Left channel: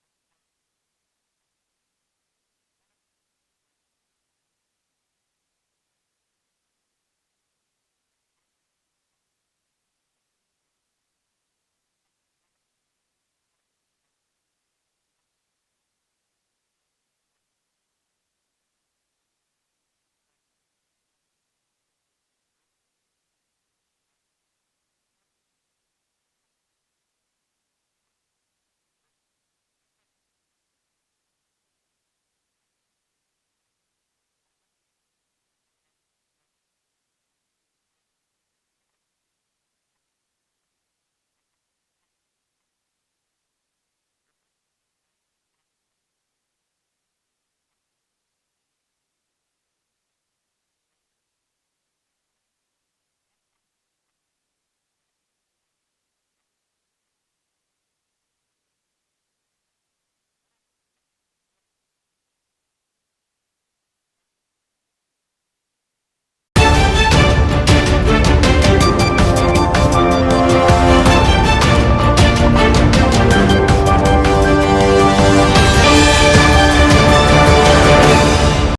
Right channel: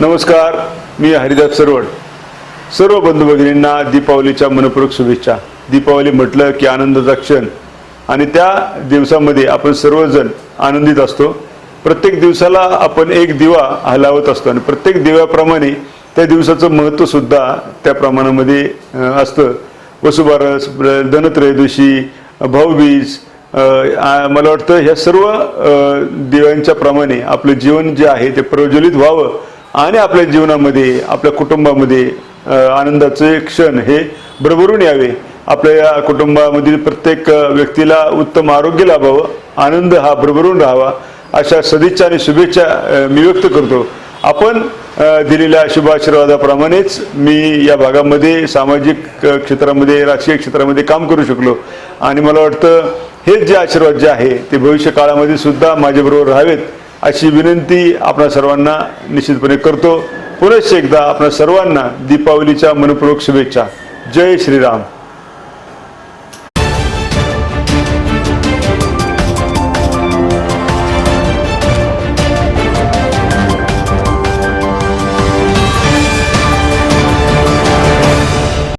नमस्कार मी हरिदास सरवड. सर्व बंधू भगिनींना दीपावलीच्या मनपूर्वक शुभेच्छा. दीपावली म्हटलं की आनंदाचा क्षण. आणि त्या दिवसामध्ये आपण सर्वजण आनंदित असतो. प्रत्येक दिवसाला आपण एक दिवा हलावत असतो. आणि प्रत्येक दिव्याप्रमाणे त्या दिवसाचं महत्त्वसुद्धा त्या प्रमाणामध्ये असतं. वसुबारस धनत्रयोदशी भाऊबीज मला वाटतं ह्या सर्व दिव्यांच्या प्रमाणे आपलं जीवन जे आहे ते प्रज्वलित व्हावं. आणि आपल्या जीवनामध्ये आपल्या कुटुंबामध्ये आनंदाचे क्षण हे भरभरून यावे. आपल्या या कुटुंबामधील प्रत्येक व्यक्तीला उत्तम आरोग्य लाभावं आनंद हा भरभरून राहावा अशा सदिच्छा आणि शुभेच्छा मी व्यक्त करतो. आपण दिलेल्या शुभ आशीर्वादाप्रमाणेच मी या भागामध्ये सामाजिक क्षेत्रामध्ये राजकीय क्षेत्रामध्ये काम करू शकलो. आणि मला वाटतं हेच जे आशीर्वाद जे आहे ते भविष्य काळामध्ये सुद्धा माझ्याबरोबर राहावेत. अशी विनंती आपणा सर्वांना निश्चितपणे करतो. पुनश्च एकदा आपणा सर्वांना दीपावलीच्या मनपूर्वक शुभेच्छा. जय श्रीराम.